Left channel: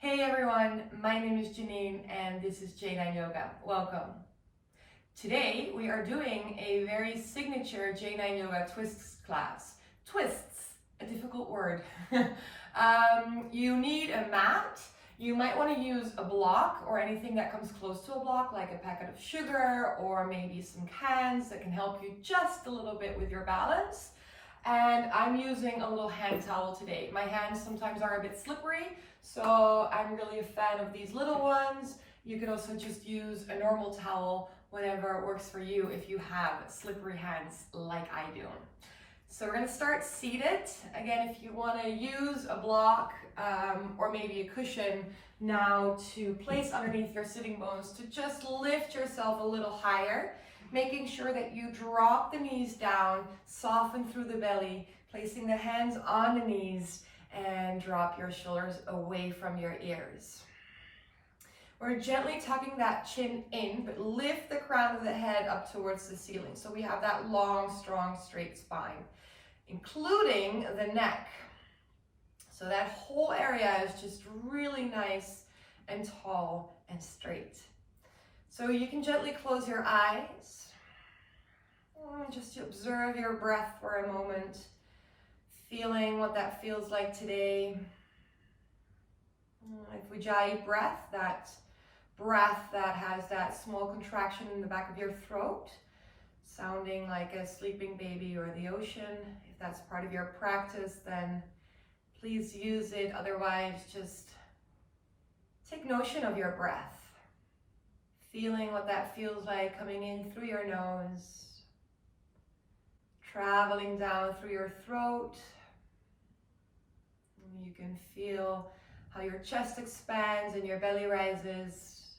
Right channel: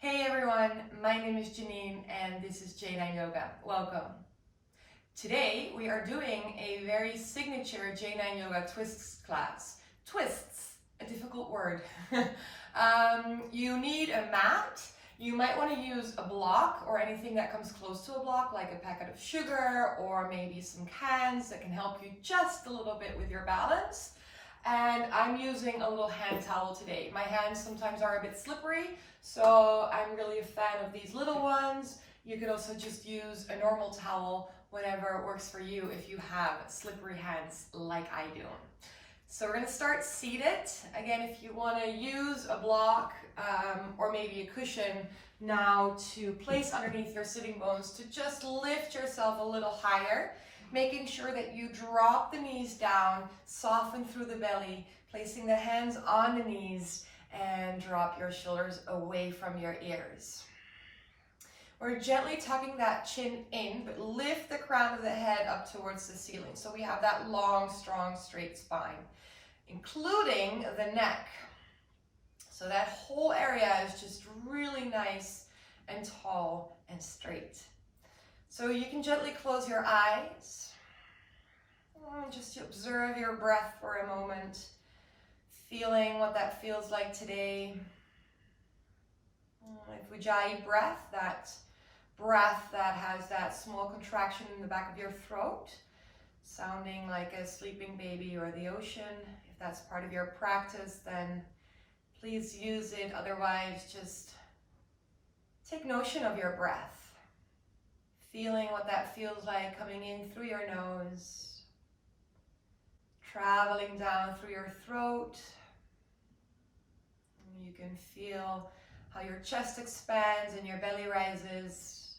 Hey everyone, my name is Janine and this is J9 Yoga. Welcome. Today we are doing a very signature J9 Yoga twists class. Twists, a difficult word. You need a mat. You might want to use a block or anything that comes close to a block, like a packet of sugar or maybe some cans that can help you just a little bit with your balance. And I'm using a little hand towel today. My hands sometimes are a bit slippery, so I'm really a fan of these little ones. You could also just use a normal towel, whatever works for you if you have slippery hands like I do. So we're gonna start seated. Again, if you wanna use a block or maybe a cushion now to place underneath your sitting bones to just lift yourself a little higher, making sure that you drop the knees down, soften through the belly, placing the hands on the knees, and drop your shoulders away from your ears. We're gently tucking that chin in, but lift the crown of the head up towards the ceiling. So we have that long, strong, straight spine, including the neck. So that whole area is just really nice and tall and straight. So you can gently close your eyes. Just to observe your breath for a moment, feeling what that feels like today. If Ujjayi breath, that breath that has that small contraction in the back of your throat, sounding like a sleeping baby or the ocean. If that's part of your practice, then please use it. Otherwise, just take notion of your breath. Feeling what that feels like coming in through your nose, traveling down through your throat. You can feel how your chest expands and your belly rises.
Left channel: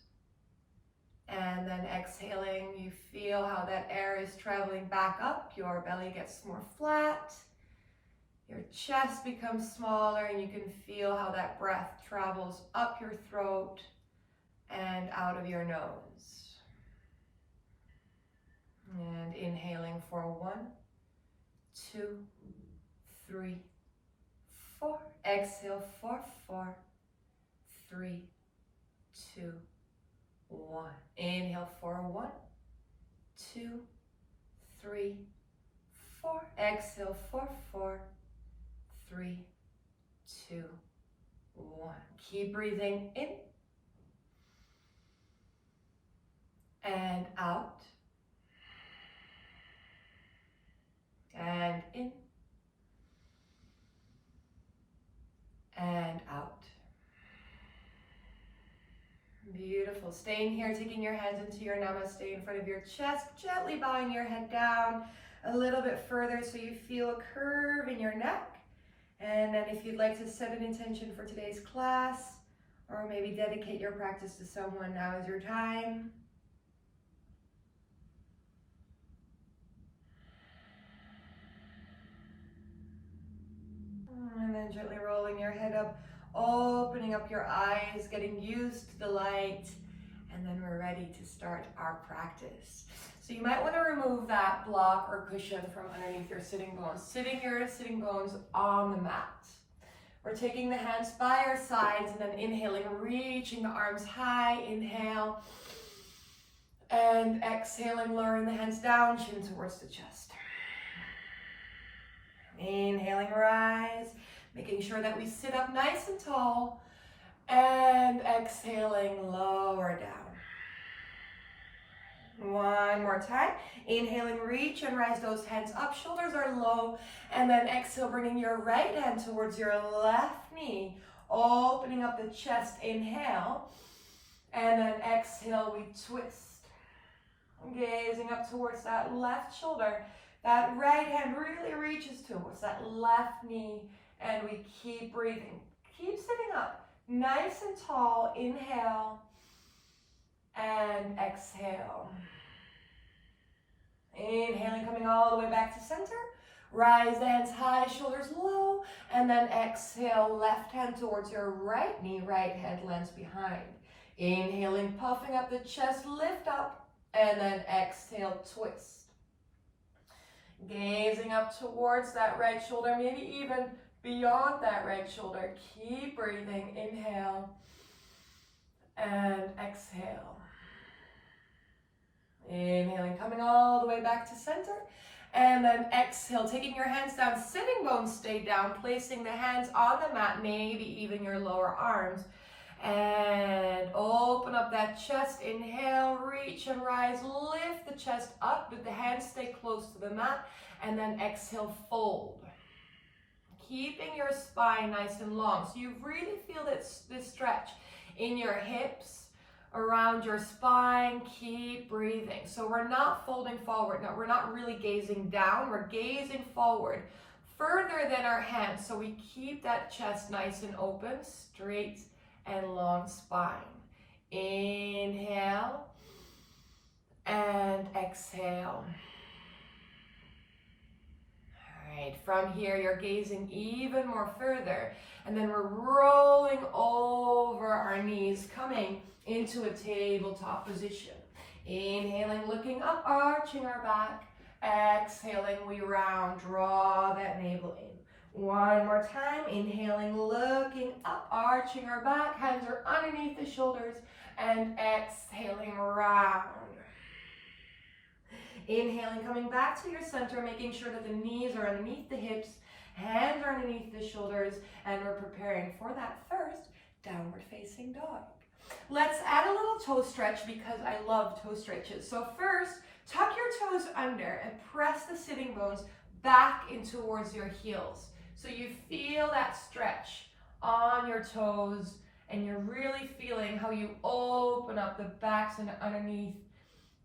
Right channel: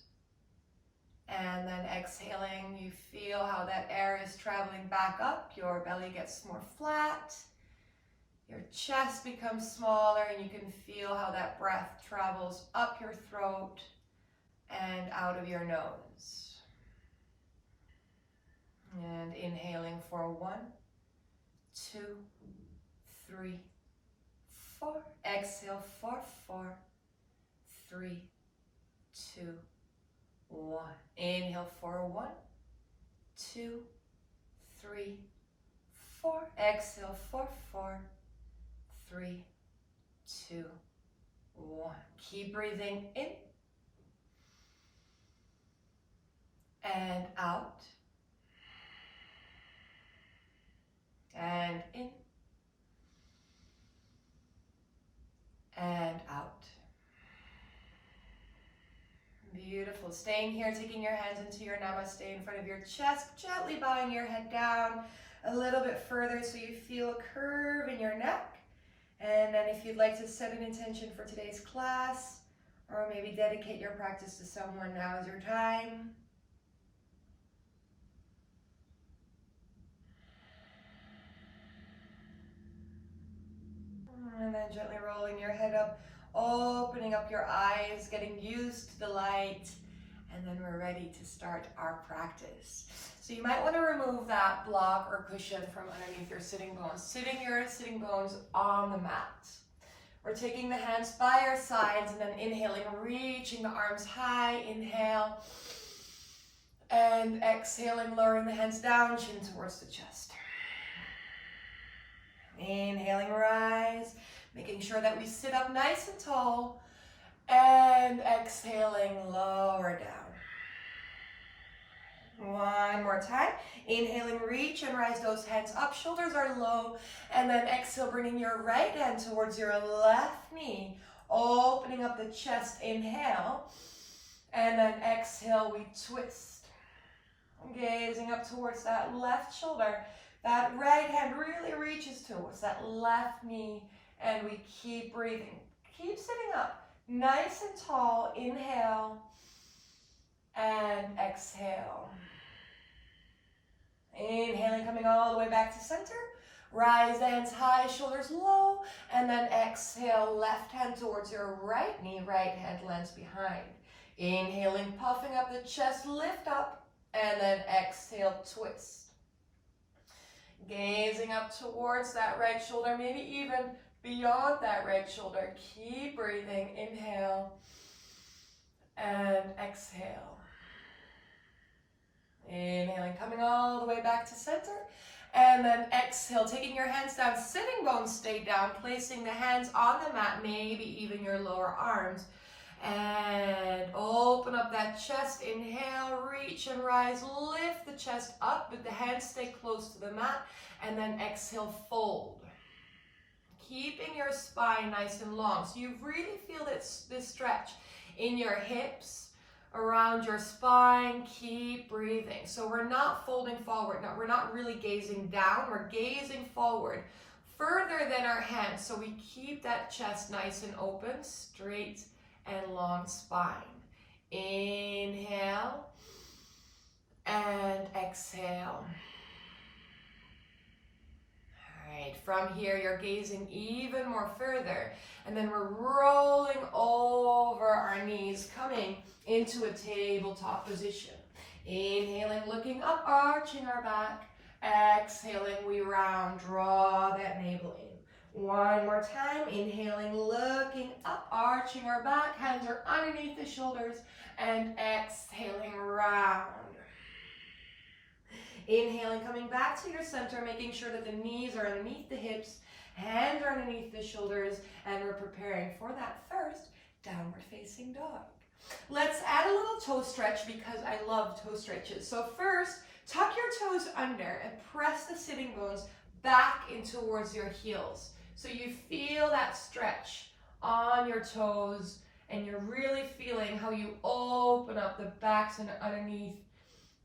And then exhaling, you feel how that air is traveling back up. Your belly gets more flat. Your chest becomes smaller, and you can feel how that breath travels up your throat and out of your nose. And inhaling for 1, 2, 3, 4. Exhale for 4, 3, 2, 1. Inhale for 1, 2, 3, 4. Exhale for 4, 3, 2, 1. Keep breathing in and out, and in and out. Beautiful. Staying here, taking your hands into your namaste in front of your chest, gently bowing your head down a little bit further so you feel a curve in your neck. And then if you'd like to set an intention for today's class, or maybe dedicate your practice to someone, now is your time. And then gently rolling your head up, opening up your eyes, getting used to the light, and then we're ready to start our practice. So you might want to remove that block or cushion from underneath your sitting bones. Sitting your sitting bones on the mat. We're taking the hands by our sides and then inhaling, reaching the arms high, inhale, and exhaling, lowering the hands down, chin towards the chest. Inhaling, rise, making sure that we sit up nice and tall, and exhaling, lower down. One more time. Inhaling, reach and rise those hands up, shoulders are low, and then exhale, bringing your right hand towards your left knee, opening up the chest, inhale, and then exhale, we twist. Gazing up towards that left shoulder. That right hand really reaches towards that left knee, and we keep breathing. Keep sitting up, nice and tall. Inhale and exhale. Inhaling, coming all the way back to center. Rise the hands high, shoulders low, and then exhale, left hand towards your right knee, right hand lands behind. Inhaling, puffing up the chest, lift up, and then exhale, twist. Gazing up towards that right shoulder, maybe even beyond that right shoulder. Keep breathing. Inhale and exhale. Inhaling, coming all the way back to center. And then exhale, taking your hands down, sitting bones stay down, placing the hands on the mat, maybe even your lower arms. And open up that chest. Inhale, reach and rise. Lift the chest up, but the hands stay close to the mat. And then exhale, fold. Keeping your spine nice and long. So you really feel this stretch in your hips, around your spine. Keep breathing. So we're not folding forward. No, we're not really gazing down. We're gazing forward further than our hands. So we keep that chest nice and open, straight and long spine. Inhale and exhale. All right, from here you're gazing even more further, and then we're rolling over our knees, coming into a tabletop position. Inhaling, looking up, arching our back. Exhaling, we round, draw that navel in. One more time, inhaling, looking up, arching our back, hands are underneath the shoulders, and exhaling, round. Inhaling, coming back to your center, making sure that the knees are underneath the hips, hands are underneath the shoulders, and we're preparing for that first downward facing dog. Let's add a little toe stretch because I love toe stretches. So first, tuck your toes under and press the sitting bones back in towards your heels. So you feel that stretch on your toes, and you're really feeling how you open up the backs and underneath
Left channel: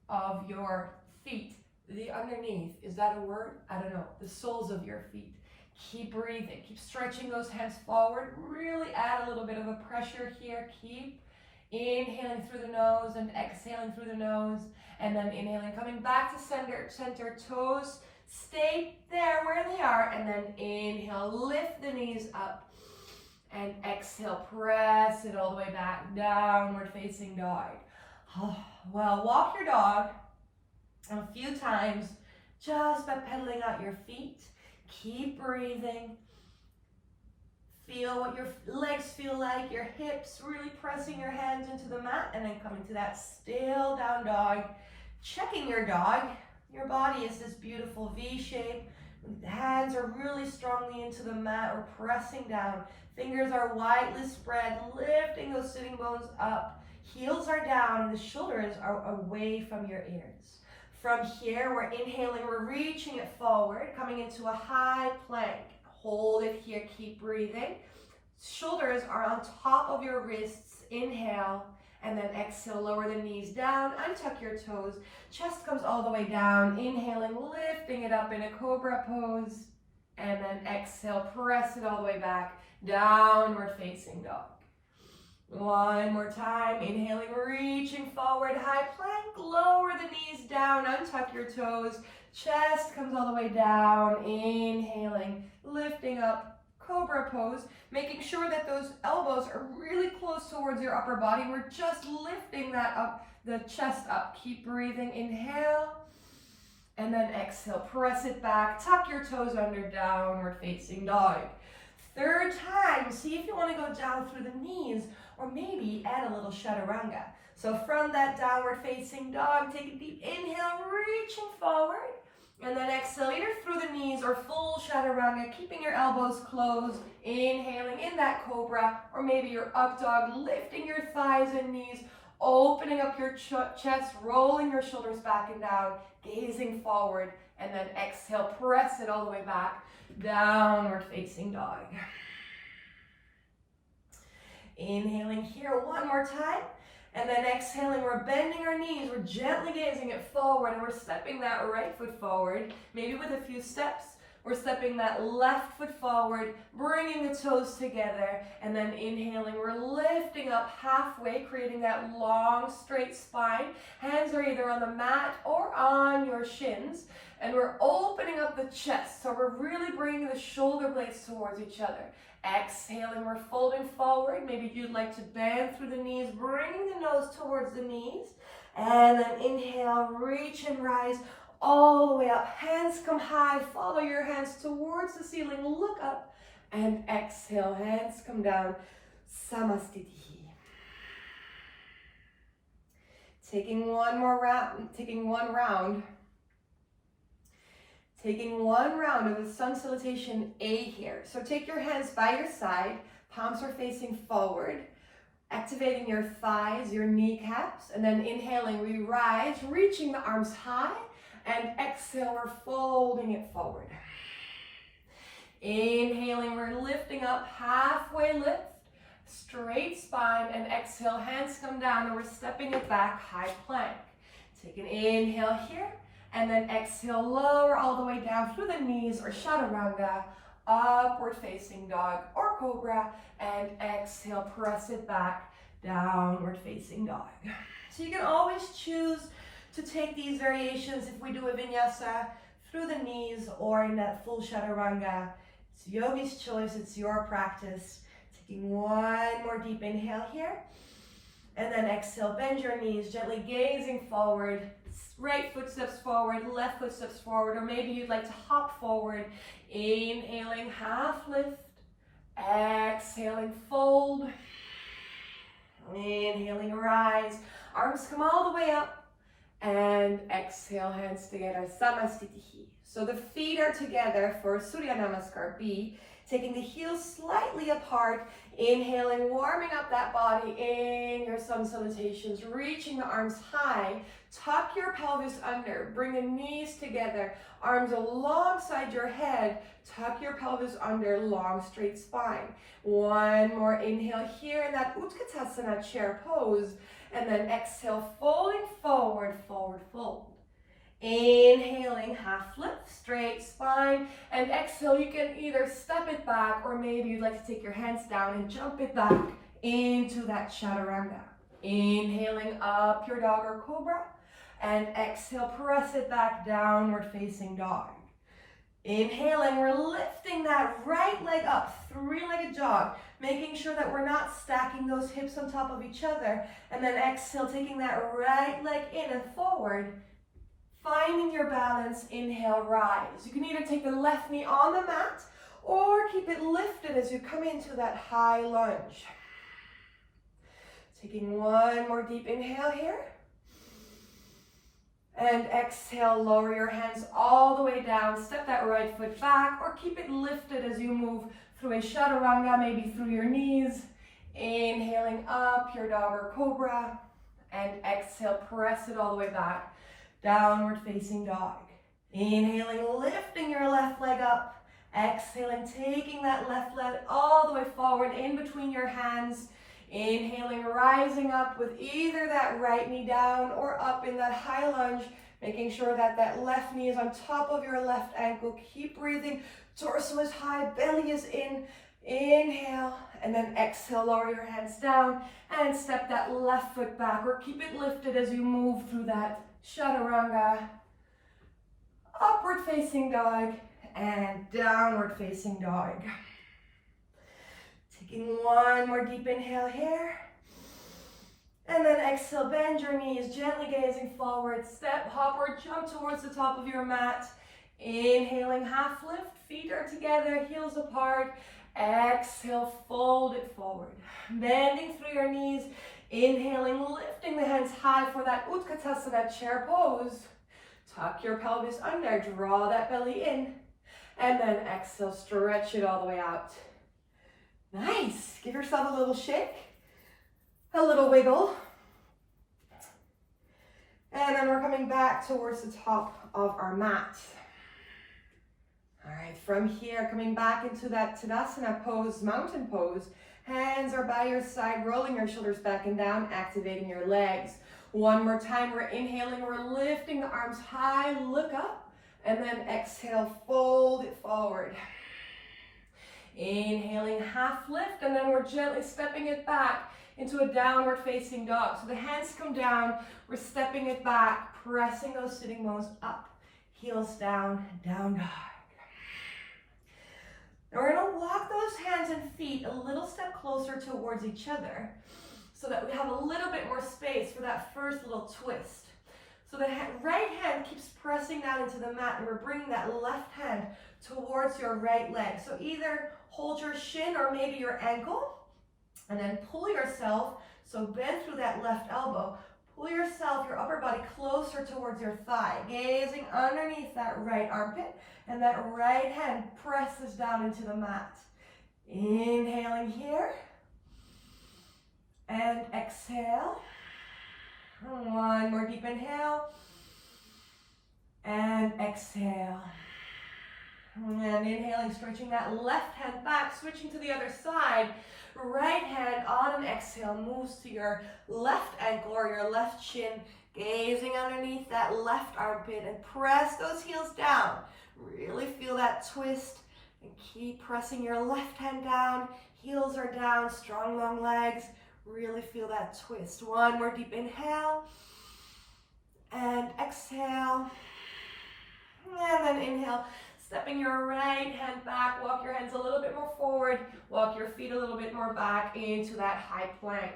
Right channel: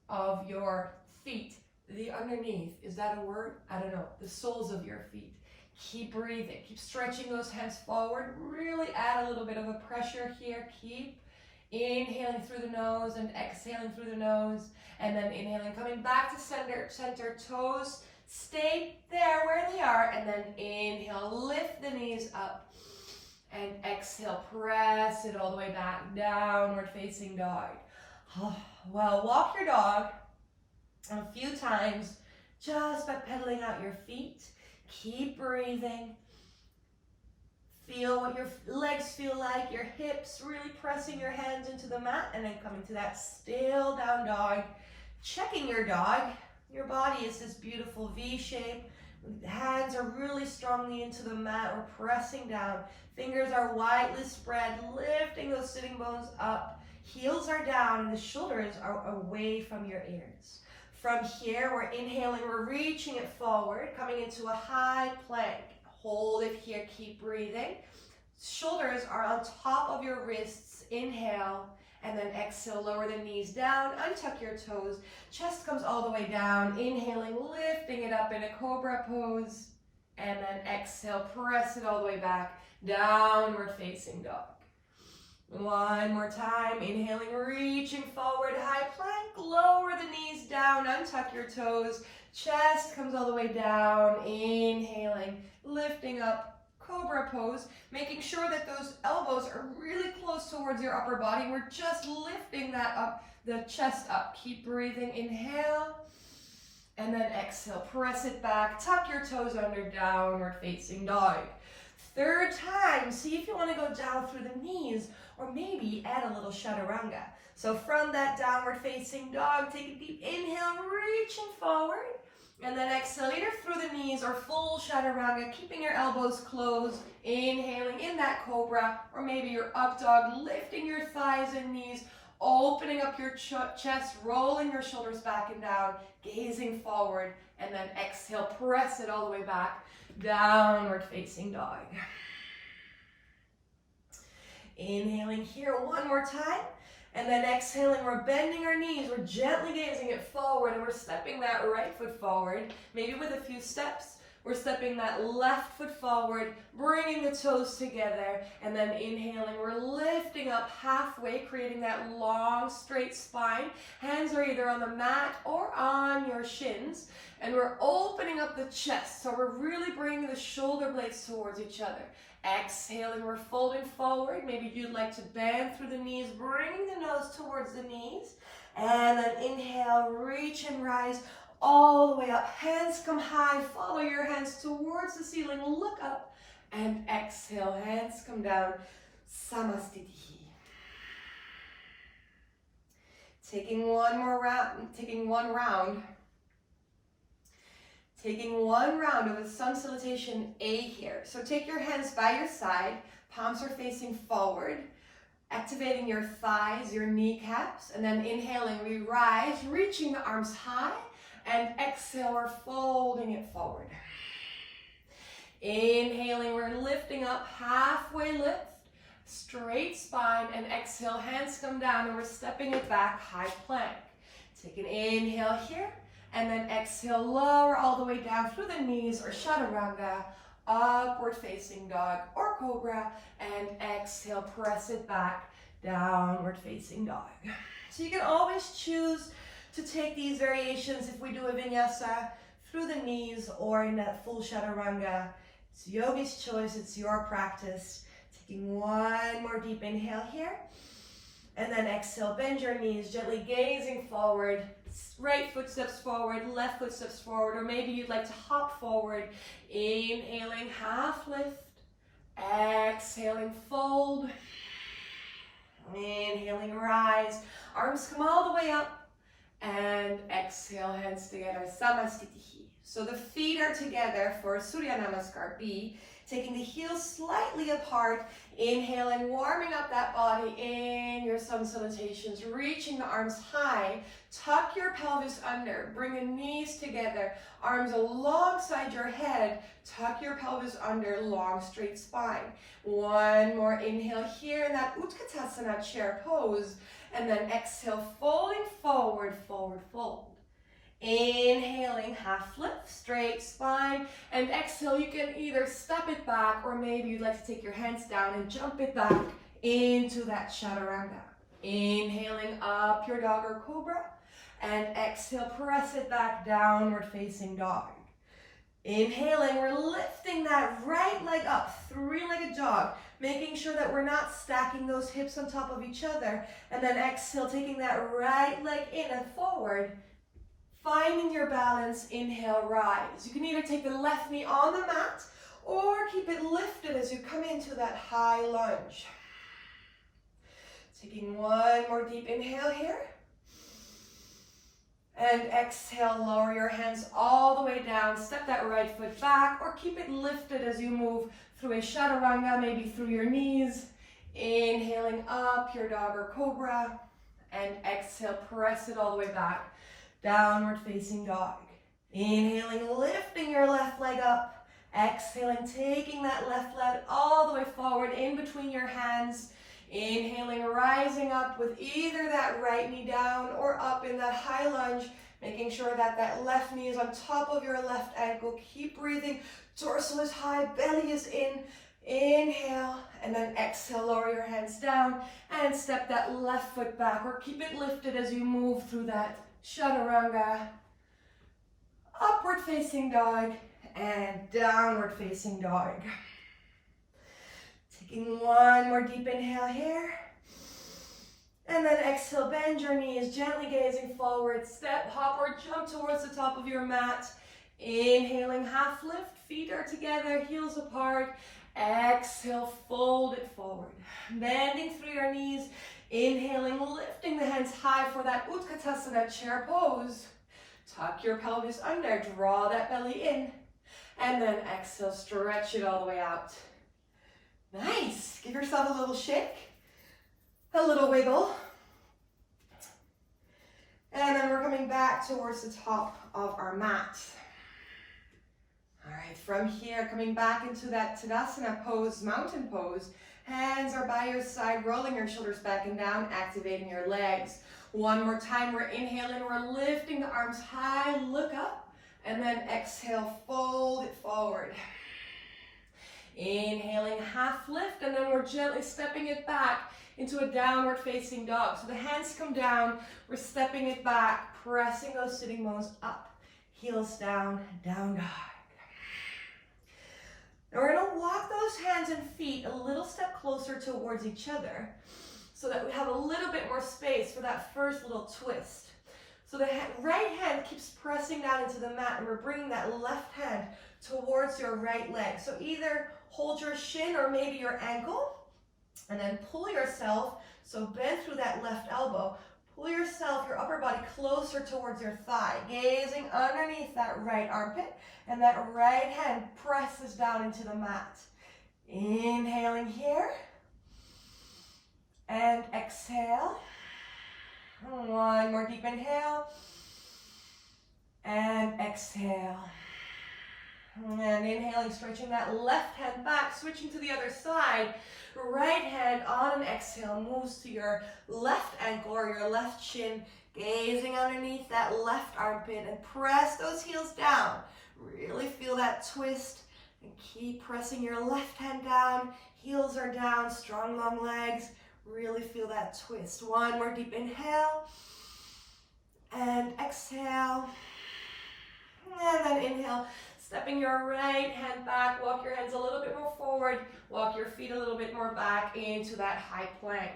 of your feet. The underneath, is that a word? I don't know. The soles of your feet. Keep breathing. Keep stretching those hands forward. Really add a little bit of a pressure here. Keep inhaling through the nose and exhaling through the nose. And then inhaling, coming back to center, toes stay there where they are. And then inhale, lift the knees up. And exhale, press it all the way back, downward facing dog. Well, walk your dog a few times just by pedaling out your feet. Keep breathing. Feel what your legs feel like, your hips, really pressing your hands into the mat, and then coming to that still down dog. Checking your dog. Your body is this beautiful V shape. The hands are really strongly into the mat. We're pressing down. Fingers are widely spread, lifting those sitting bones up. Heels are down, and the shoulders are away from your ears. From here, we're inhaling, we're reaching it forward, coming into a high plank. Hold it here, keep breathing. Shoulders are on top of your wrists. Inhale, and then exhale, lower the knees down, untuck your toes. Chest comes all the way down. Inhaling, lifting it up in a cobra pose. And then exhale, press it all the way back, downward facing dog. One more time, inhaling, reaching forward, high plank, lower the knees down, untuck your toes, chest comes all the way down, inhaling, lifting up, cobra pose, making sure that those elbows are really close towards your upper body. We're just lifting that up, the chest up. Keep breathing, inhale, and then exhale, press it back, tuck your toes under, downward facing dog. Third time, see if you want to go down through the knees, or maybe add a little chaturanga. So from that downward facing dog, take a deep inhale, reaching forward, and then exhale either through the knees or full chaturanga, keeping your elbows closed, inhaling in that cobra, or maybe your up dog, lifting your thighs and knees, opening up your chest, rolling your shoulders back and down, gazing forward, and then exhale, press it all the way back, downward facing dog. Inhaling here one more time, and then exhaling, we're bending our knees, we're gently gazing it forward, and we're stepping that right foot forward, maybe with a few steps. We're stepping that left foot forward, bringing the toes together, and then inhaling, we're lifting up halfway, creating that long, straight spine. Hands are either on the mat or on your shins, and we're opening up the chest, so we're really bringing the shoulder blades towards each other. Exhaling, we're folding forward. Maybe you'd like to bend through the knees, bringing the nose towards the knees, and then inhale, reach and rise all the way up. Hands come high, follow your hands towards the ceiling, look up, And exhale, hands come down, Samastiti. Taking one round of a sun salutation A here. So take your hands by your side, palms are facing forward, activating your thighs, your kneecaps, and then inhaling, we rise, reaching the arms high, and exhale, we're folding it forward. Inhaling, we're lifting up, halfway lift, straight spine, and exhale, hands come down, and we're stepping it back, high plank. Take an inhale here, and then exhale, lower all the way down through the knees or chaturanga, upward facing dog or cobra, and exhale, press it back, downward facing dog. So you can always choose to take these variations if we do a vinyasa through the knees or in that full chaturanga. It's yogi's choice, it's your practice. Taking one more deep inhale here. And then exhale, bend your knees, gently gazing forward. Right foot steps forward, left foot steps forward, or maybe you'd like to hop forward. Inhaling, half lift. Exhaling, fold. Inhaling, rise. Arms come all the way up. And exhale, hands together, Samastiti. So the feet are together for Surya Namaskar B. Taking the heels slightly apart, inhaling, warming up that body in your sun salutations, reaching the arms high, tuck your pelvis under, bring the knees together, arms alongside your head, tuck your pelvis under, long straight spine. One more inhale here in that Utkatasana chair pose, and then exhale, folding forward, forward fold. Inhaling, half lift, straight spine, and exhale, you can either step it back or maybe you'd like to take your hands down and jump it back into that chaturanga. Inhaling up your dog or cobra, and exhale, press it back, downward facing dog. Inhaling, we're lifting that right leg up, three-legged jog, making sure that we're not stacking those hips on top of each other, and then exhale, taking that right leg in and forward. Finding your balance, inhale, rise. You can either take the left knee on the mat or keep it lifted as you come into that high lunge. Taking one more deep inhale here. And exhale, lower your hands all the way down. Step that right foot back or keep it lifted as you move through a chaturanga, maybe through your knees. Inhaling up your dog or cobra. And exhale, press it all the way back. Downward facing dog. Inhaling, lifting your left leg up. Exhaling, taking that left leg all the way forward in between your hands. Inhaling, rising up with either that right knee down or up in that high lunge, making sure that that left knee is on top of your left ankle. Keep breathing. Torso is high, belly is in. Inhale, and then exhale, lower your hands down and step that left foot back or keep it lifted as you move through that chaturanga, upward facing dog, and downward facing dog. Taking one more deep inhale here. And then exhale, bend your knees, gently gazing forward, step, hop, or jump towards the top of your mat. Inhaling, half lift, feet are together, heels apart. Exhale, fold it forward. Bending through your knees. Inhaling, lifting the hands high for that Utkatasana chair pose. Tuck your pelvis under, draw that belly in. And then exhale, stretch it all the way out. Nice. Give yourself a little shake, a little wiggle. And then we're coming back towards the top of our mat. All right, from here, coming back into that Tadasana pose, mountain pose. Hands are by your side, rolling your shoulders back and down, activating your legs. One more time, we're inhaling, we're lifting the arms high, look up, and then exhale, fold it forward. Inhaling, half lift, and then we're gently stepping it back into a downward facing dog. So the hands come down, we're stepping it back, pressing those sitting bones up, heels down, down dog. Now we're going to walk those hands and feet a little step closer towards each other so that we have a little bit more space for that first little twist. So the right hand keeps pressing down into the mat and we're bringing that left hand towards your right leg. So either hold your shin or maybe your ankle, and then pull yourself, so bend through that left elbow. Pull yourself, your upper body closer towards your thigh, gazing underneath that right armpit, and that right hand presses down into the mat. Inhaling here, and exhale. One more deep inhale, and exhale. And inhaling, stretching that left hand back, switching to the other side. Right hand on an exhale moves to your left ankle or your left shin, gazing underneath that left armpit, and press those heels down. Really feel that twist and keep pressing your left hand down. Heels are down, strong long legs. Really feel that twist. One more deep inhale and exhale. And then inhale. Stepping your right hand back, walk your hands a little bit more forward, walk your feet a little bit more back into that high plank.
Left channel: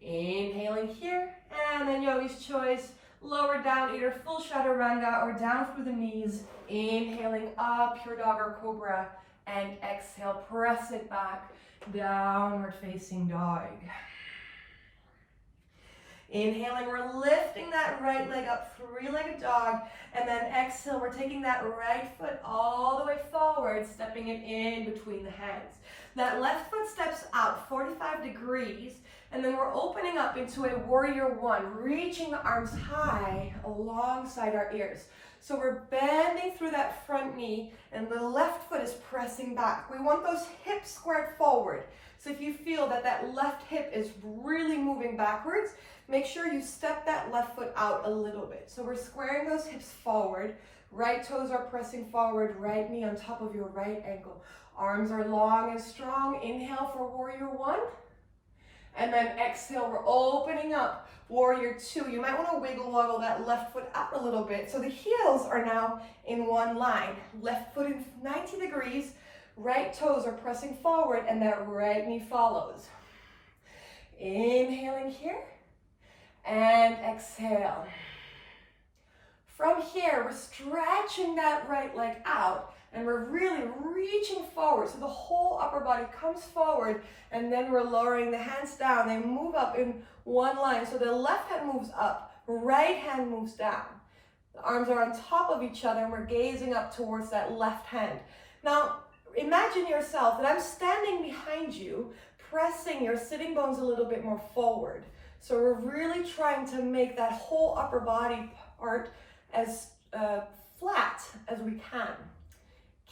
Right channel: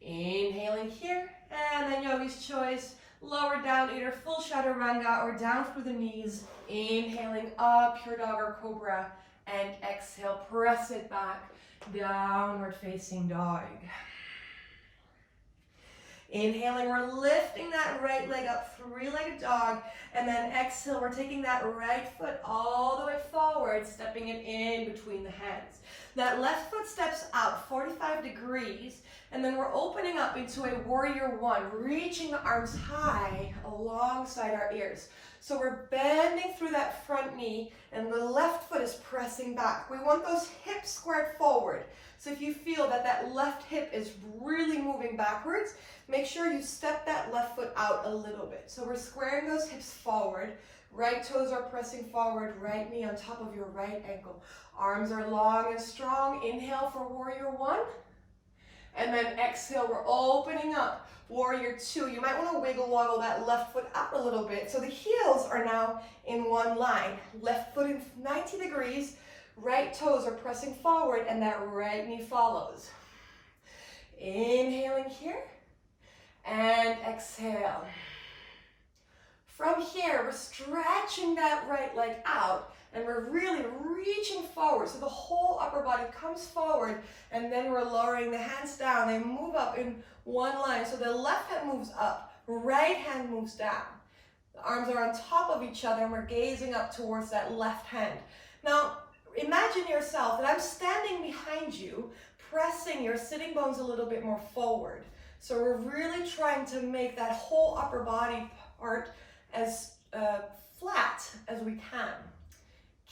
Inhaling here, and then yogi's choice, lower down, either full chaturanga or down through the knees. Inhaling up, pure dog or cobra, and exhale, press it back, downward facing dog. Inhaling, we're lifting that right leg up, three-legged dog, and then exhale, we're taking that right foot all the way forward, stepping it in between the hands. That left foot steps out 45 degrees, and then we're opening up into a warrior one, reaching the arms high alongside our ears. So we're bending through that front knee, and the left foot is pressing back. We want those hips squared forward. So if you feel that that left hip is really moving backwards, make sure you step that left foot out a little bit. So we're squaring those hips forward. Right toes are pressing forward, right knee on top of your right ankle. Arms are long and strong. Inhale for warrior one. And then exhale, we're opening up, warrior two. You might want to wiggle woggle that left foot up a little bit. So the heels are now in one line. Left foot in 90 degrees. Right toes are pressing forward, and that right knee follows. Inhaling here, and exhale. From here, we're stretching that right leg out, and we're really reaching forward. So the whole upper body comes forward, and then we're lowering the hands down. They move up in one line. So the left hand moves up, right hand moves down. The arms are on top of each other, and we're gazing up towards that left hand. Now, imagine yourself that I'm standing behind you, pressing your sitting bones a little bit more forward. So we're really trying to make that whole upper body part as flat as we can.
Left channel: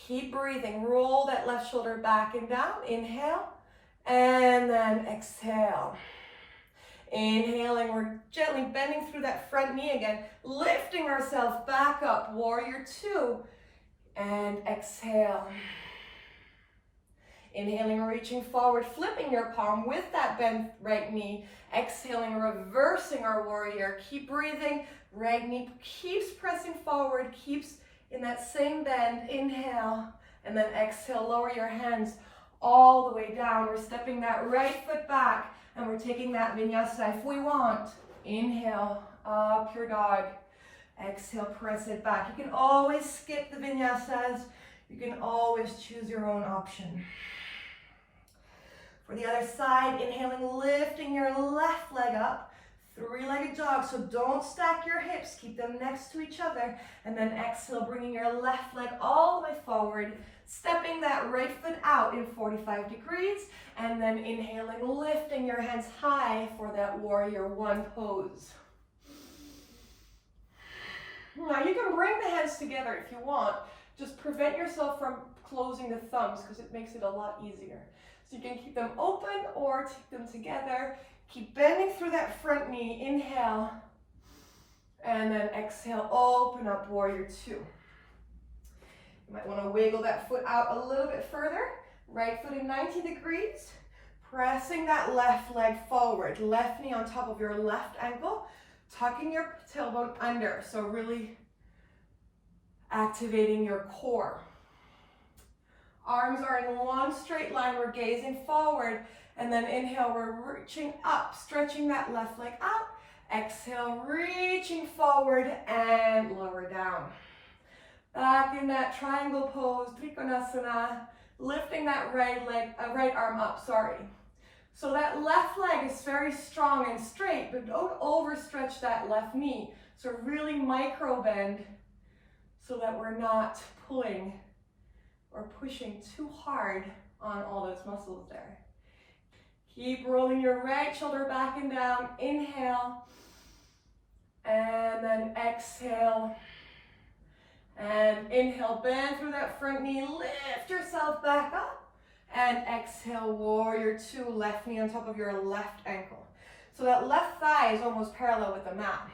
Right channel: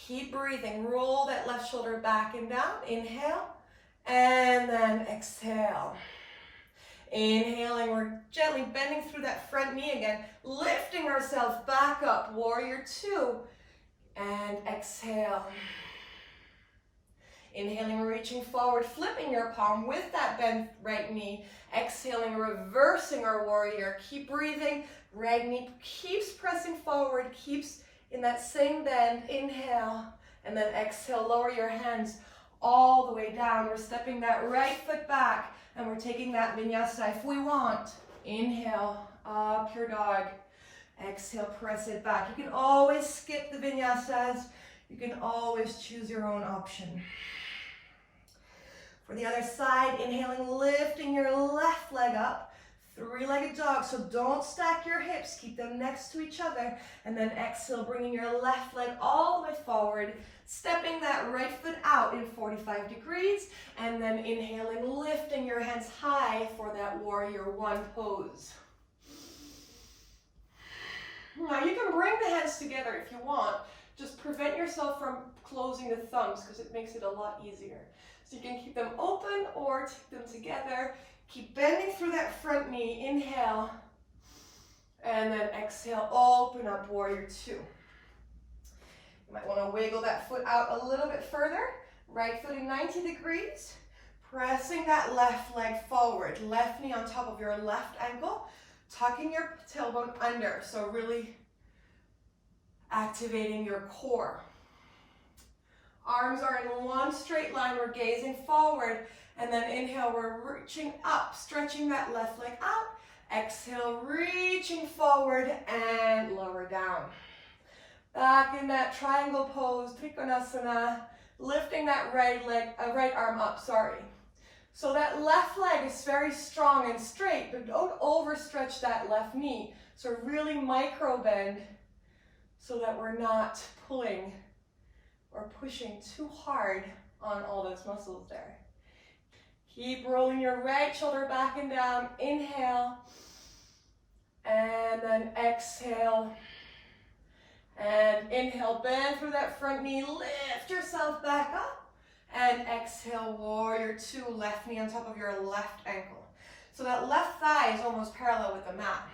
Keep breathing. Roll that left shoulder back and down. Inhale, and then exhale. Inhaling, we're gently bending through that front knee again, lifting ourselves back up. Warrior two, and exhale. Inhaling, reaching forward, flipping your palm with that bent right knee. Exhaling, reversing our warrior. Keep breathing. Right knee keeps pressing forward, keeps in that same bend. Inhale, and then exhale. Lower your hands all the way down. We're stepping that right foot back, and we're taking that vinyasa if we want. Inhale, up, pure dog. Exhale, press it back. You can always skip the vinyasas. You can always choose your own option. For the other side, inhaling, lifting your left leg up, three-legged dog. So don't stack your hips, keep them next to each other. And then exhale, bringing your left leg all the way forward, stepping that right foot out in 45 degrees. And then inhaling, lifting your hands high for that warrior one pose. Now you can bring the hands together if you want. Just prevent yourself from closing the thumbs because it makes it a lot easier. So you can keep them open or take them together. Keep bending through that front knee. Inhale. And then exhale, open up, warrior two. You might want to wiggle that foot out a little bit further. Right foot in 90 degrees. Pressing that left leg forward. Left knee on top of your left ankle. Tucking your tailbone under. So really activating your core. Arms are in one straight line. We're gazing forward. And then inhale, we're reaching up, stretching that left leg out. Exhale, reaching forward and lower down. Back in that triangle pose, Trikonasana. lifting that right arm up, sorry. So that left leg is very strong and straight, but don't overstretch that left knee. So really micro bend so that we're not pulling or pushing too hard on all those muscles there. Keep rolling your right shoulder back and down. Inhale. And then exhale. And inhale, bend through that front knee. Lift yourself back up. And exhale, warrior two, left knee on top of your left ankle. So that left thigh is almost parallel with the mat.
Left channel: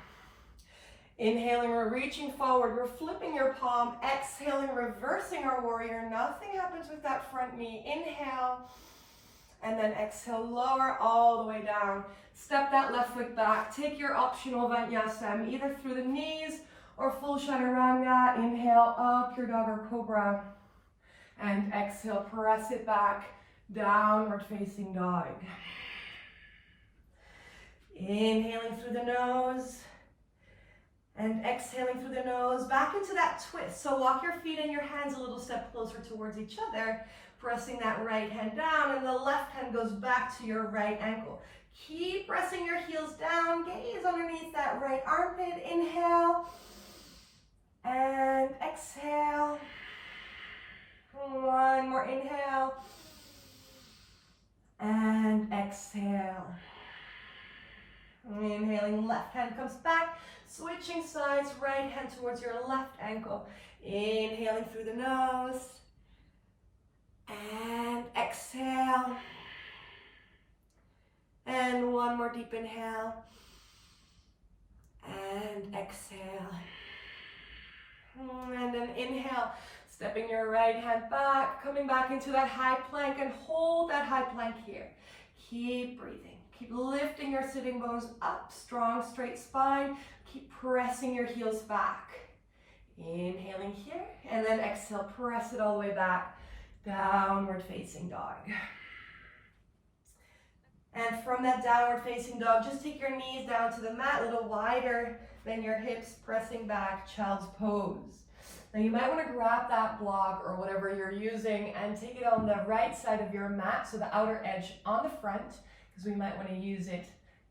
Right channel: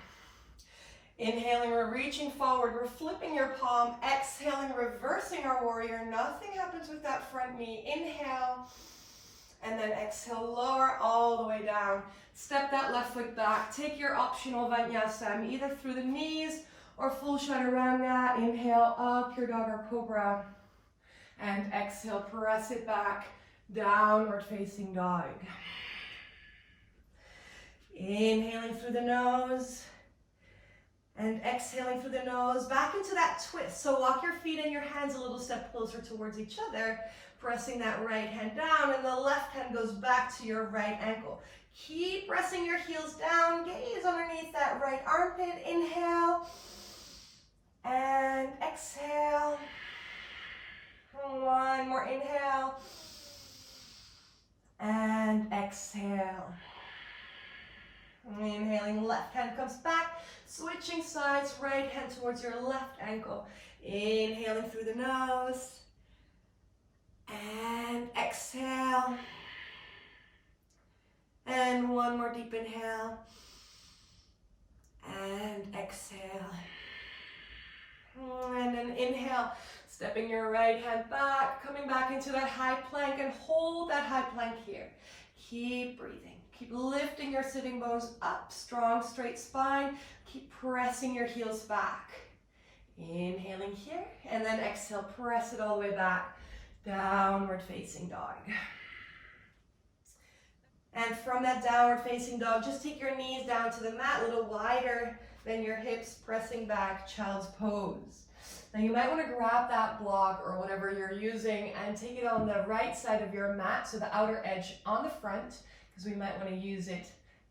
Inhaling, we're reaching forward, we're flipping your palm. Exhaling, reversing our warrior. Nothing happens with that front knee. Inhale, and then exhale, lower all the way down. Step that left foot back. Take your optional vinyasa, either through the knees or full chaturanga. Inhale, up your dog or cobra. And exhale, press it back, downward facing dog. Inhaling through the nose and exhaling through the nose, back into that twist. So walk your feet and your hands a little step closer towards each other, pressing that right hand down, and the left hand goes back to your right ankle. Keep pressing your heels down, gaze underneath that right armpit. Inhale and exhale. One more inhale and exhale. Inhaling, left hand comes back, switching sides, right hand towards your left ankle. Inhaling through the nose and exhale. And one more deep inhale and exhale. And then inhale. Stepping your right hand back, coming back into that high plank, and hold that high plank here. Keep breathing. Keep lifting your sitting bones up, strong straight spine. Keep pressing your heels back. Inhaling here, and then exhale, press it all the way back. Downward facing dog. And from that downward facing dog, just take your knees down to the mat, a little wider than your hips, pressing back, child's pose. Now you might want to grab that block or whatever you're using and take it on the right side of your mat, so the outer edge on the front, because we might want to use it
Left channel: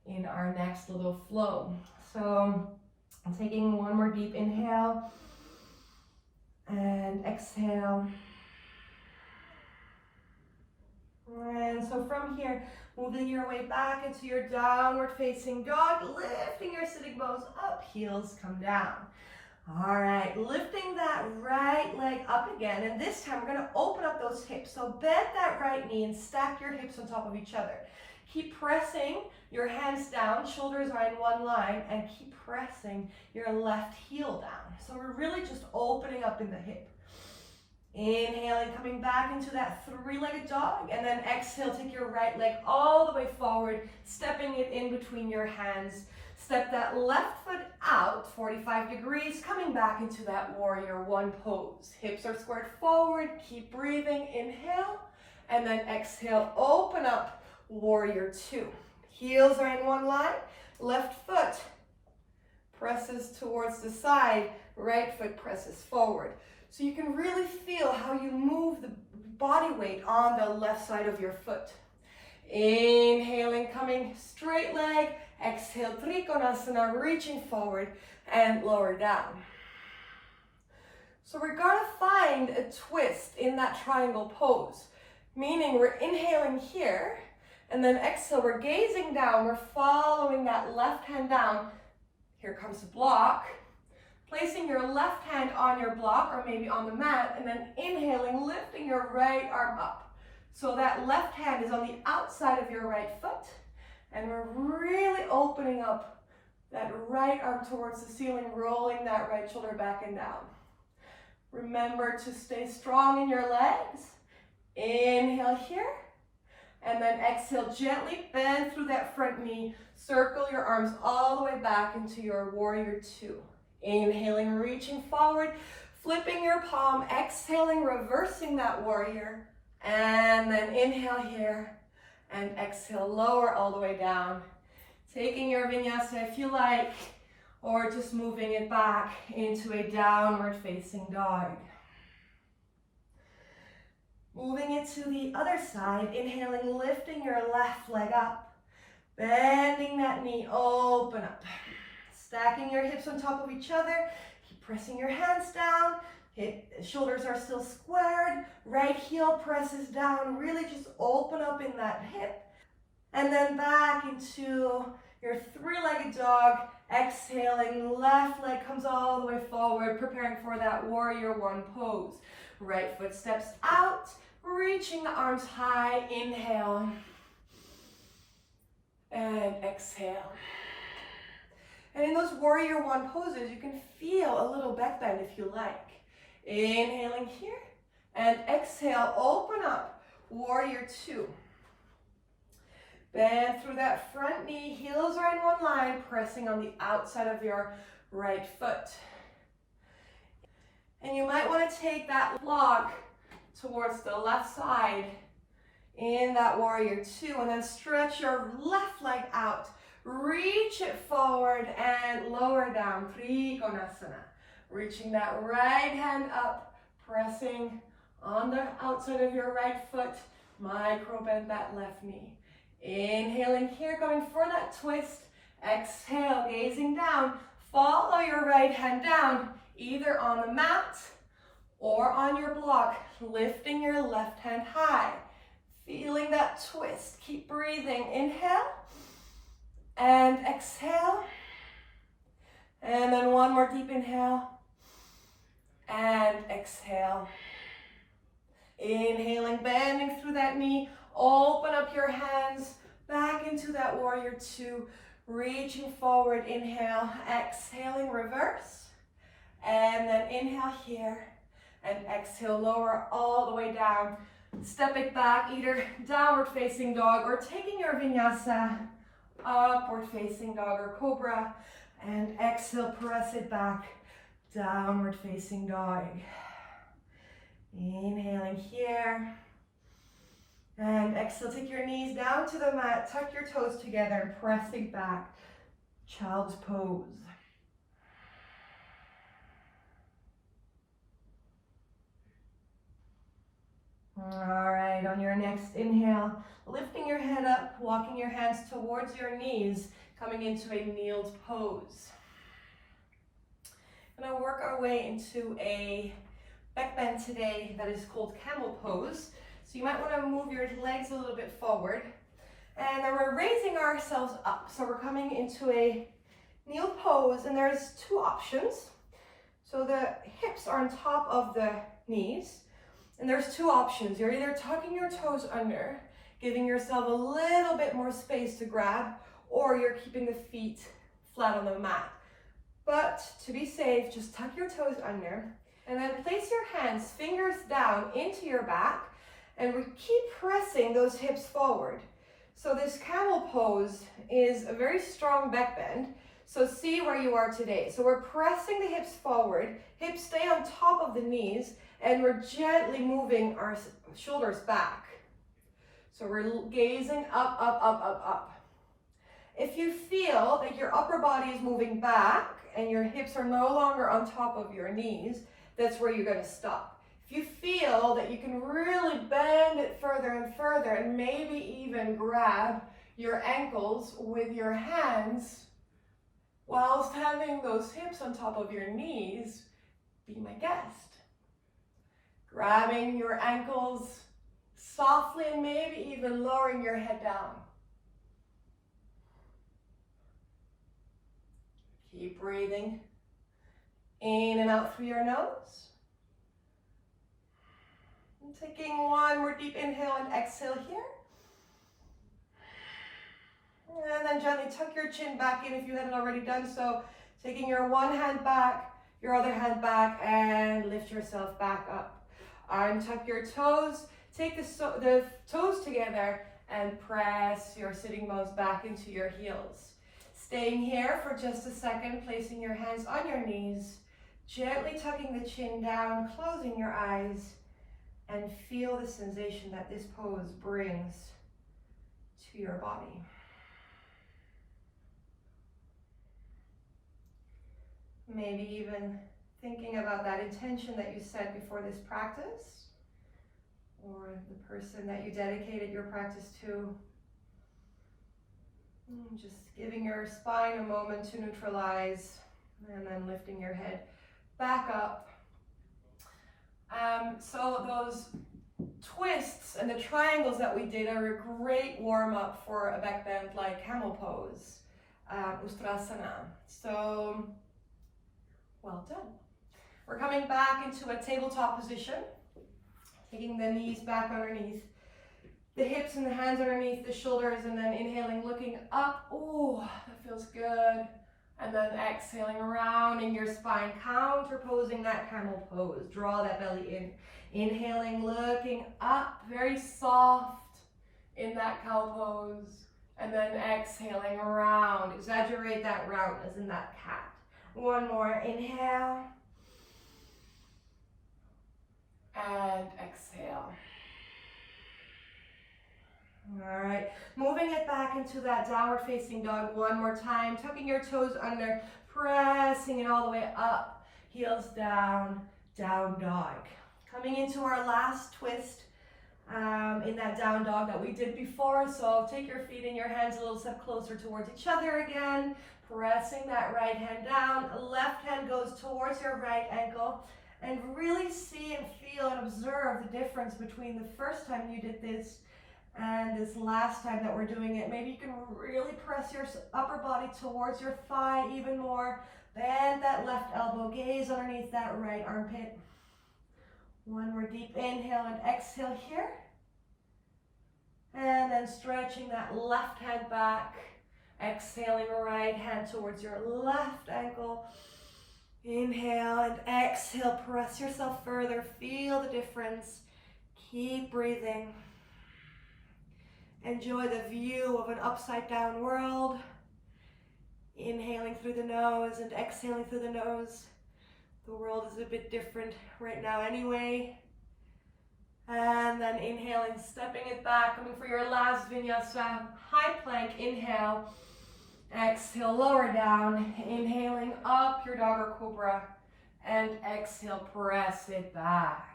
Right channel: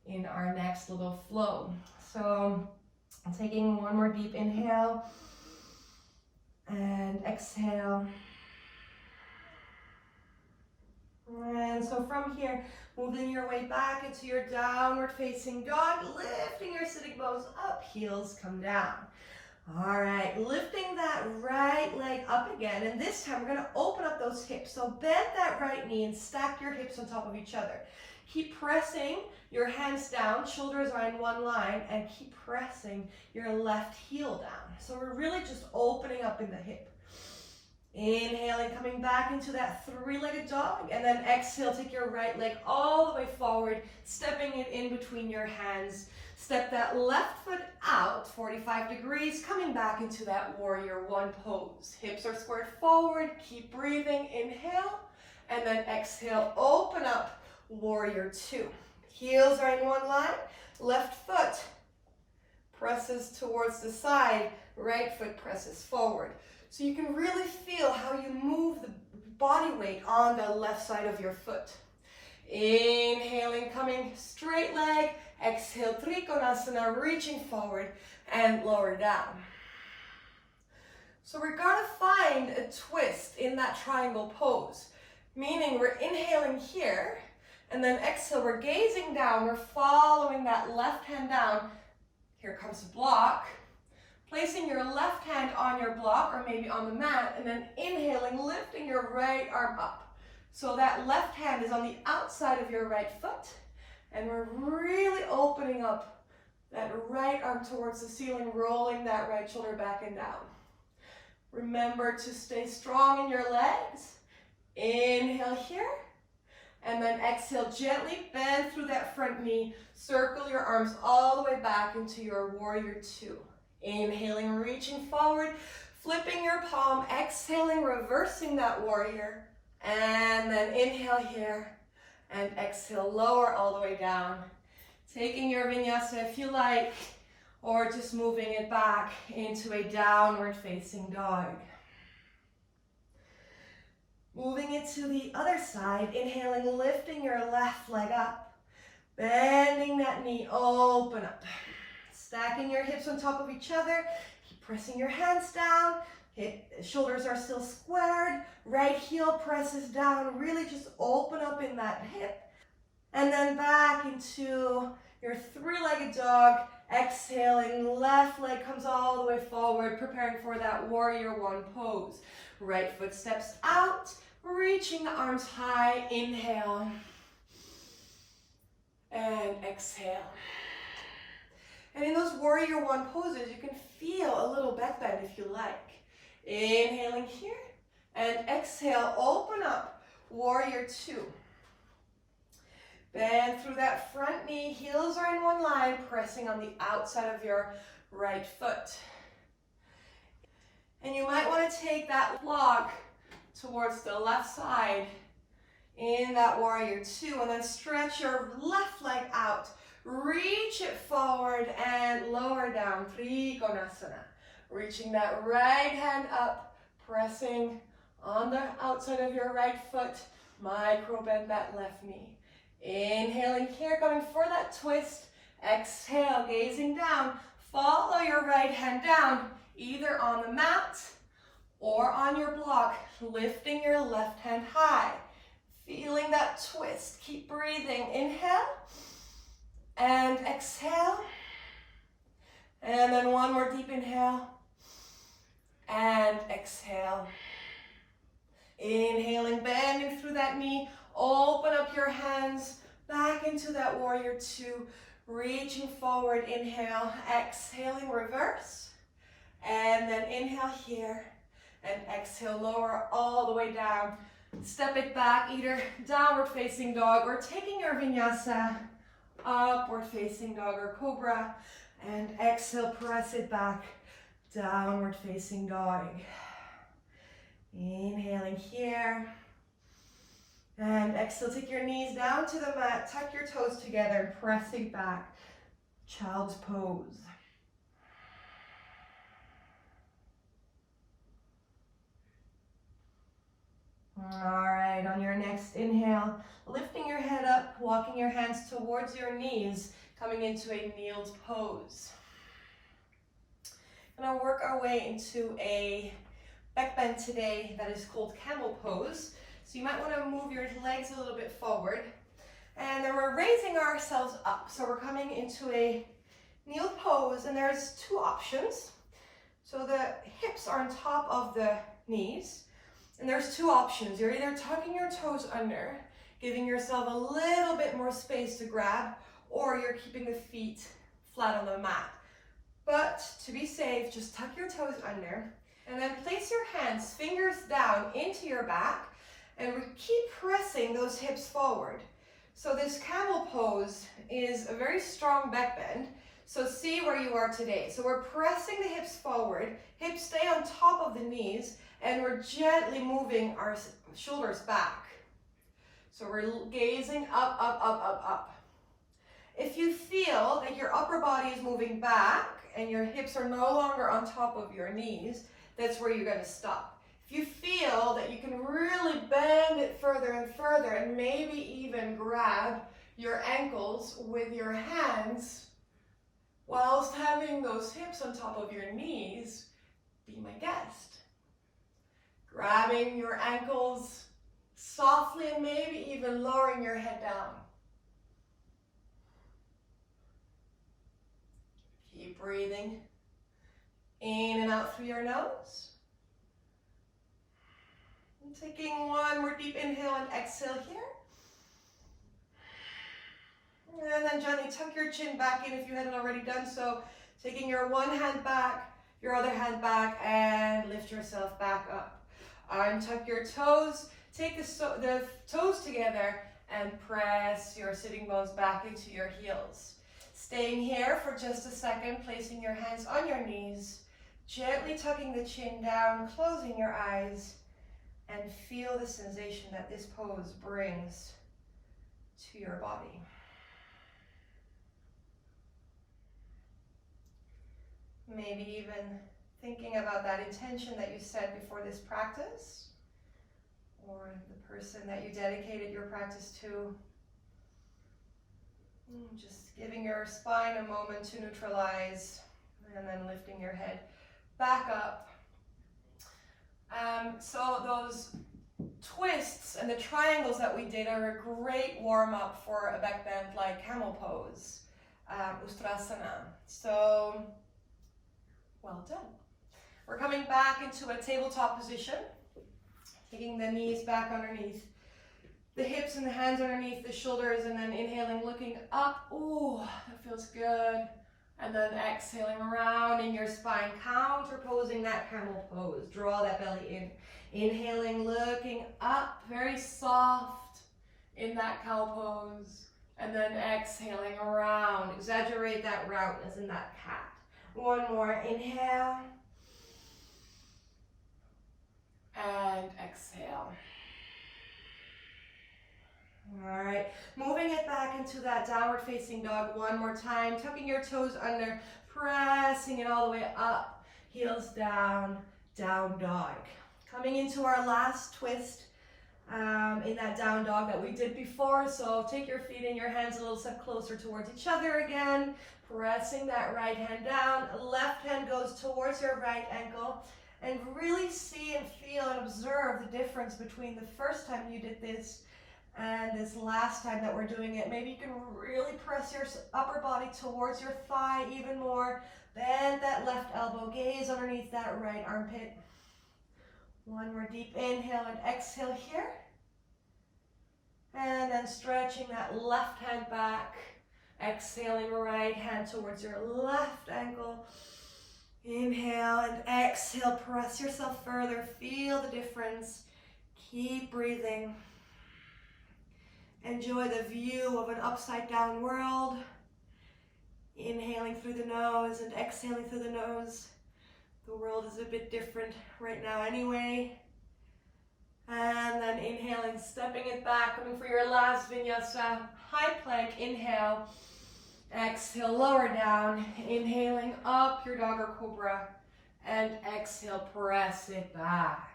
in our next little flow. So I'm taking one more deep inhale and exhale. And so from here, moving your way back into your downward facing dog, lifting your sitting bones up, heels come down. All right, lifting that right leg up again, and this time we're going to open up those hips. So bend that right knee and stack your hips on top of each other. Keep pressing your hands down, shoulders are in one line, and keep pressing your left heel down. So we're really just opening up in the hip. Inhaling, coming back into that three-legged dog, and then exhale, take your right leg all the way forward, stepping it in between your hands. Step that left foot out 45 degrees, coming back into that warrior one pose. Hips are squared forward, keep breathing. Inhale, and then exhale, open up, warrior two. Heels are in one line, left foot presses towards the side, right foot presses forward. So you can really feel how you move the body weight on the left side of your foot. Inhaling, coming straight leg. Exhale, Trikonasana, reaching forward and lower down. So we're gonna find a twist in that triangle pose, meaning we're inhaling here, and then exhale, we're gazing down, we're following that left hand down. Here comes the block. Placing your left hand on your block or maybe on the mat, and then inhaling, lifting your right arm up. So that left hand is on the outside of your right foot, and we're really opening up that right arm towards the ceiling, rolling that right shoulder back and down. Remember to stay strong in your legs. Inhale here, and then exhale, gently bend through that front knee, circle your arms all the way back into your warrior two. Inhaling, reaching forward, flipping your palm, exhaling, reversing that warrior, and then inhale here, and exhale, lower all the way down. Taking your vinyasa if you like, or just moving it back into a downward facing dog. Moving it to the other side, inhaling, lifting your left leg up, bending that knee, open up. Stacking your hips on top of each other, keep pressing your hands down, shoulders are still squared, right heel presses down, really just open up in that hip, and then back into your three-legged dog, exhaling, left leg comes all the way forward, preparing for that warrior one pose. Right foot steps out, reaching the arms high, inhale, and exhale. And in those warrior one poses, you can feel a little back bend if you like. Inhaling here, and exhale, open up, warrior two. Bend through that front knee, heels are in one line, pressing on the outside of your right foot. And you might want to take that log towards the left side in that warrior two, and then stretch your left leg out. Reach it forward and lower down, Trikonasana. Reaching that right hand up, pressing on the outside of your right foot, micro bend that left knee. Inhaling here, coming for that twist. Exhale, gazing down. Follow your right hand down, either on the mat or on your block, lifting your left hand high. Feeling that twist, keep breathing. Inhale and exhale. And then one more deep inhale and exhale. Inhaling, bending through that knee. Open up your hands back into that warrior two. Reaching forward, inhale, exhaling, reverse. And then inhale here and exhale, lower all the way down. Step it back, either downward facing dog or taking your vinyasa, upward facing dog or cobra. And exhale, press it back, downward facing dog. Inhaling here. And exhale, take your knees down to the mat, tuck your toes together, and pressing back, child's pose. All right, on your next inhale, lifting your head up, walking your hands towards your knees, coming into a kneeled pose. And I'll work our way into a back bend today that is called camel pose. So you might want to move your legs a little bit forward. And then we're raising ourselves up. So we're coming into a kneeled pose, and there's two options. So the hips are on top of the knees. And there's two options. You're either tucking your toes under, giving yourself a little bit more space to grab, or you're keeping the feet flat on the mat. But to be safe, just tuck your toes under, and then place your hands, fingers down into your back, and we keep pressing those hips forward. So this camel pose is a very strong back bend. So see where you are today. So we're pressing the hips forward, hips stay on top of the knees, and we're gently moving our shoulders back. So we're gazing up, up, up, up, up. If you feel that your upper body is moving back and your hips are no longer on top of your knees, that's where you're going to stop. If you feel that you can really bend it further and further and maybe even grab your ankles with your hands whilst having those hips on top of your knees, be my guest. Grabbing your ankles softly and maybe even lowering your head down. Keep breathing in and out through your nose. And taking one more deep inhale and exhale here. And then gently tuck your chin back in if you hadn't already done so. Taking your one hand back, your other hand back, and lift yourself back up. Untuck your toes, take the toes together and press your sitting bones back into your heels. Staying here for just a second, placing your hands on your knees, gently tucking the chin down, closing your eyes, and feel the sensation that this pose brings to your body. Maybe even thinking about that intention that you set before this practice. or the person that you dedicated your practice to. Just giving your spine a moment to neutralize, and then lifting your head back up. So those twists and the triangles that we did are a great warm-up for a back bend like camel pose, Ustrasana. So, well done. We're coming back into a tabletop position, taking the knees back underneath the hips and the hands underneath the shoulders, and then inhaling, looking up. Oh, that feels good. And then exhaling, rounding your spine, counterposing that camel pose. Draw that belly in. Inhaling, looking up, very soft in that cow pose. And then exhaling, round. Exaggerate that roundness in that cat. One more, inhale. And exhale. All right, moving it back into that downward facing dog one more time, tucking your toes under, pressing it all the way up, heels down, down dog. Coming into our last twist in that down dog that we did before. So take your feet and your hands a little step closer towards each other again, pressing that right hand down, left hand goes towards your right ankle, and really see and feel and observe the difference between the first time you did this and this last time that we're doing it. Maybe you can really press your upper body towards your thigh even more. Bend that left elbow, gaze underneath that right armpit. One more deep inhale and exhale here. And then stretching that left hand back. Exhaling right hand towards your left ankle. Inhale and exhale, press yourself further. Feel the difference. Keep breathing. Enjoy the view of an upside down world. Inhaling through the nose and exhaling through the nose. The world is a bit different right now anyway. And then inhaling, stepping it back, coming for your last vinyasa. High plank, inhale. Exhale, lower down. Inhaling up your dog or cobra. And exhale, press it back.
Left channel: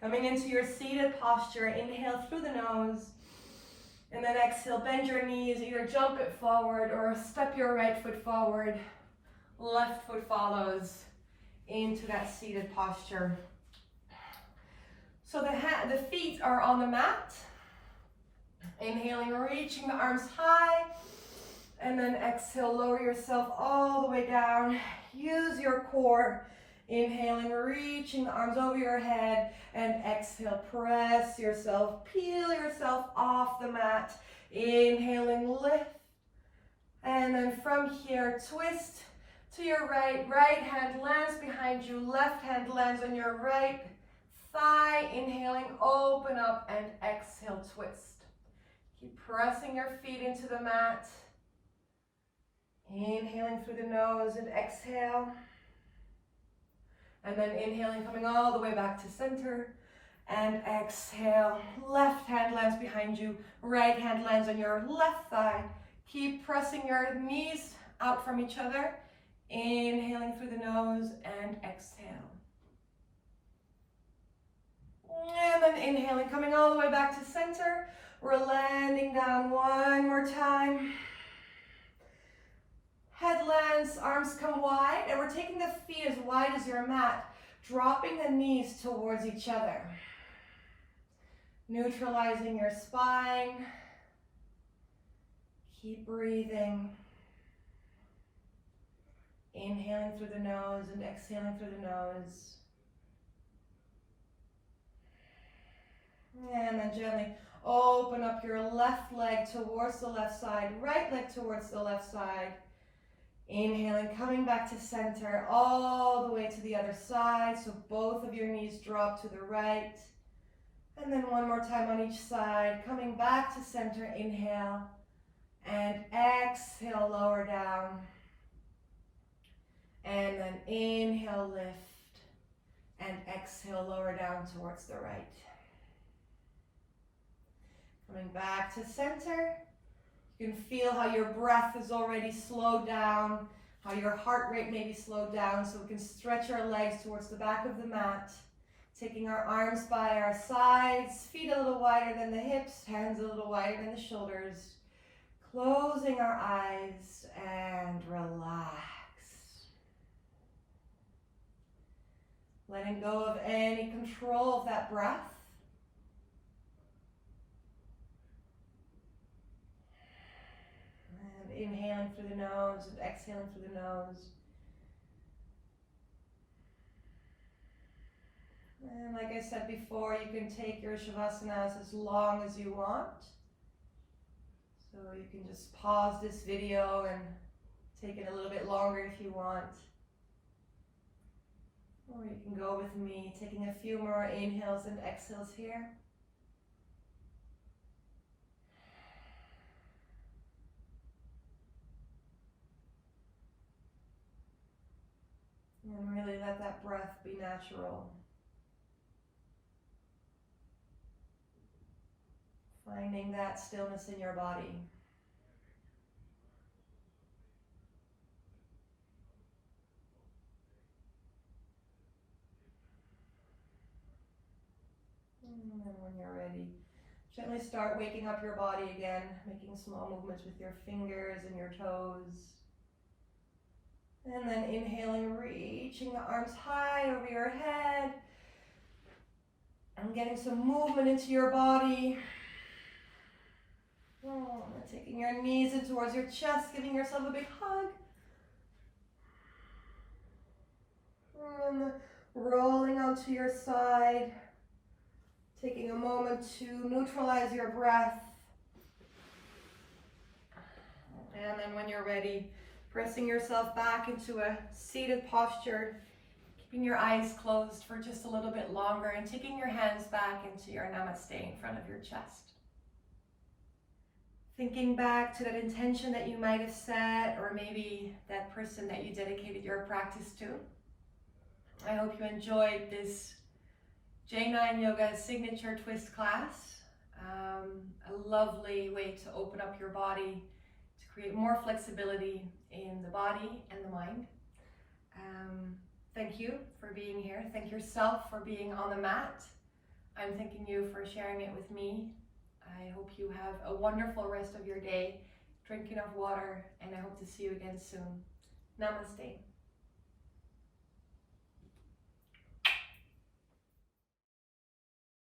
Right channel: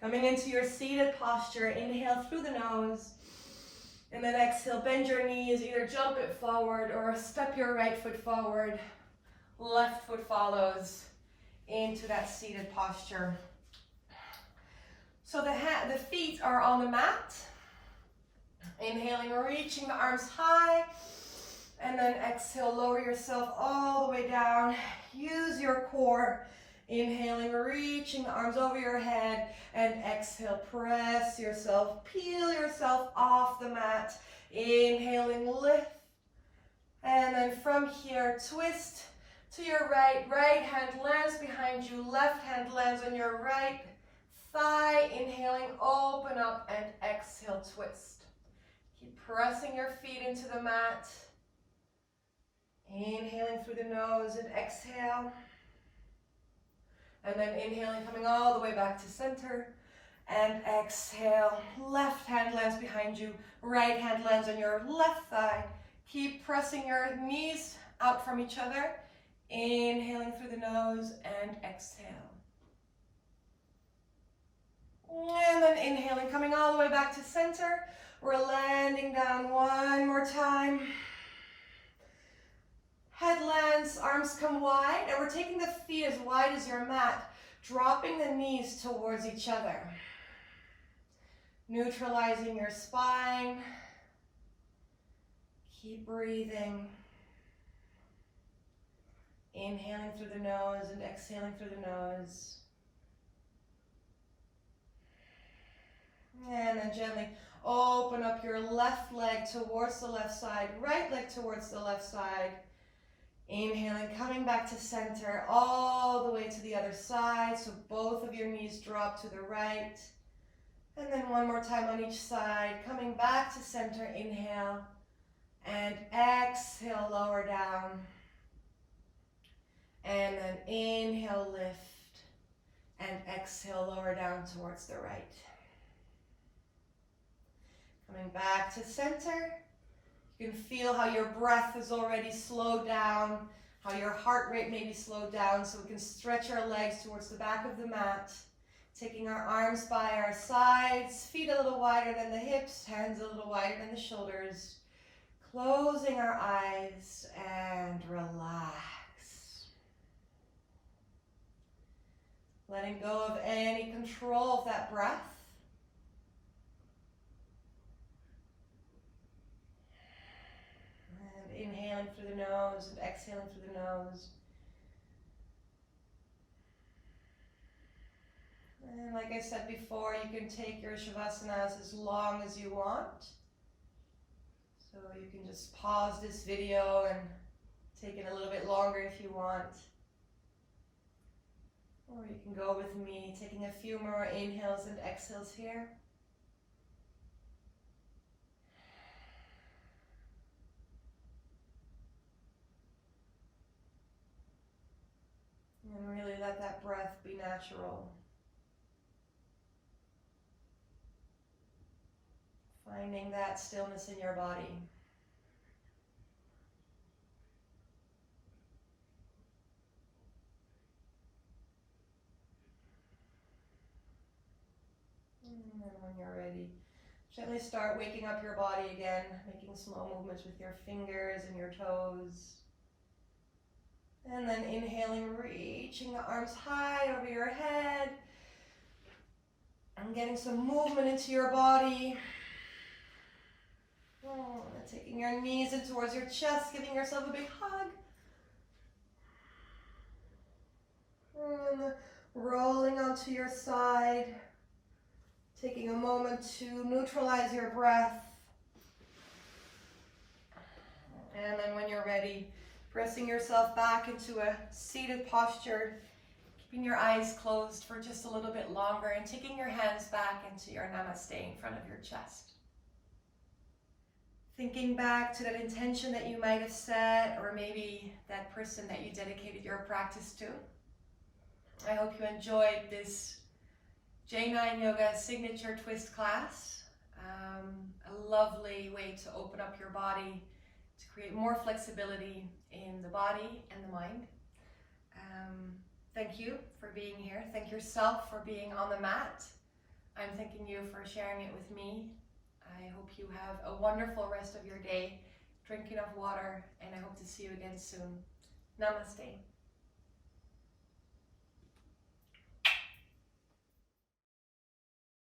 Coming into your seated posture, inhale through the nose. And then exhale, bend your knees, either jump it forward or step your right foot forward. Left foot follows into that seated posture. So the feet are on the mat. Inhaling, reaching the arms high. And then exhale, lower yourself all the way down. Use your core. Inhaling, reaching the arms over your head, and exhale, press yourself, peel yourself off the mat. Inhaling, lift, and then from here, twist to your right. Right hand lands behind you, left hand lands on your right thigh. Inhaling, open up, and exhale, twist. Keep pressing your feet into the mat. Inhaling through the nose and exhale. And then inhaling, coming all the way back to center. And exhale, left hand lands behind you, right hand lands on your left thigh. Keep pressing your knees out from each other. Inhaling through the nose and exhale. And then inhaling, coming all the way back to center. We're landing down one more time. Head lands, arms come wide, and we're taking the feet as wide as your mat, dropping the knees towards each other. Neutralizing your spine. Keep breathing. Inhaling through the nose and exhaling through the nose. And then gently open up your left leg towards the left side, right leg towards the left side. Inhaling, coming back to center, all the way to the other side, so both of your knees drop to the right. And then one more time on each side, coming back to center, inhale, and exhale, lower down. And then inhale, lift, and exhale, lower down towards the right. Coming back to center. You can feel how your breath is already slowed down, how your heart rate may be slowed down, so we can stretch our legs towards the back of the mat. Taking our arms by our sides, feet a little wider than the hips, hands a little wider than the shoulders. Closing our eyes and relax. Letting go of any control of that breath. And inhaling through the nose and exhaling through the nose. And like I said before, you can take your Shavasana as long as you want. So you can just pause this video and take it a little bit longer if you want. Or you can go with me, taking a few more inhales and exhales here. And really let that breath be natural. Finding that stillness in your body. And then when you're ready, gently start waking up your body again, making small movements with your fingers and your toes. And then inhaling, reaching the arms high over your head. And getting some movement into your body. And taking your knees in towards your chest, giving yourself a big hug. And rolling onto your side. Taking a moment to neutralize your breath. And then when you're ready, pressing yourself back into a seated posture, keeping your eyes closed for just a little bit longer and taking your hands back into your namaste in front of your chest. Thinking back to that intention that you might have set, or maybe that person that you dedicated your practice to. I hope you enjoyed this Janine Yoga signature twist class. A lovely way to open up your body, to create more flexibility in the body and the mind. Thank you for being here. Thank yourself for being on the mat. I'm thanking you for sharing it with me. I hope you have a wonderful rest of your day. Drink enough water, and I hope to see you again soon. Namaste.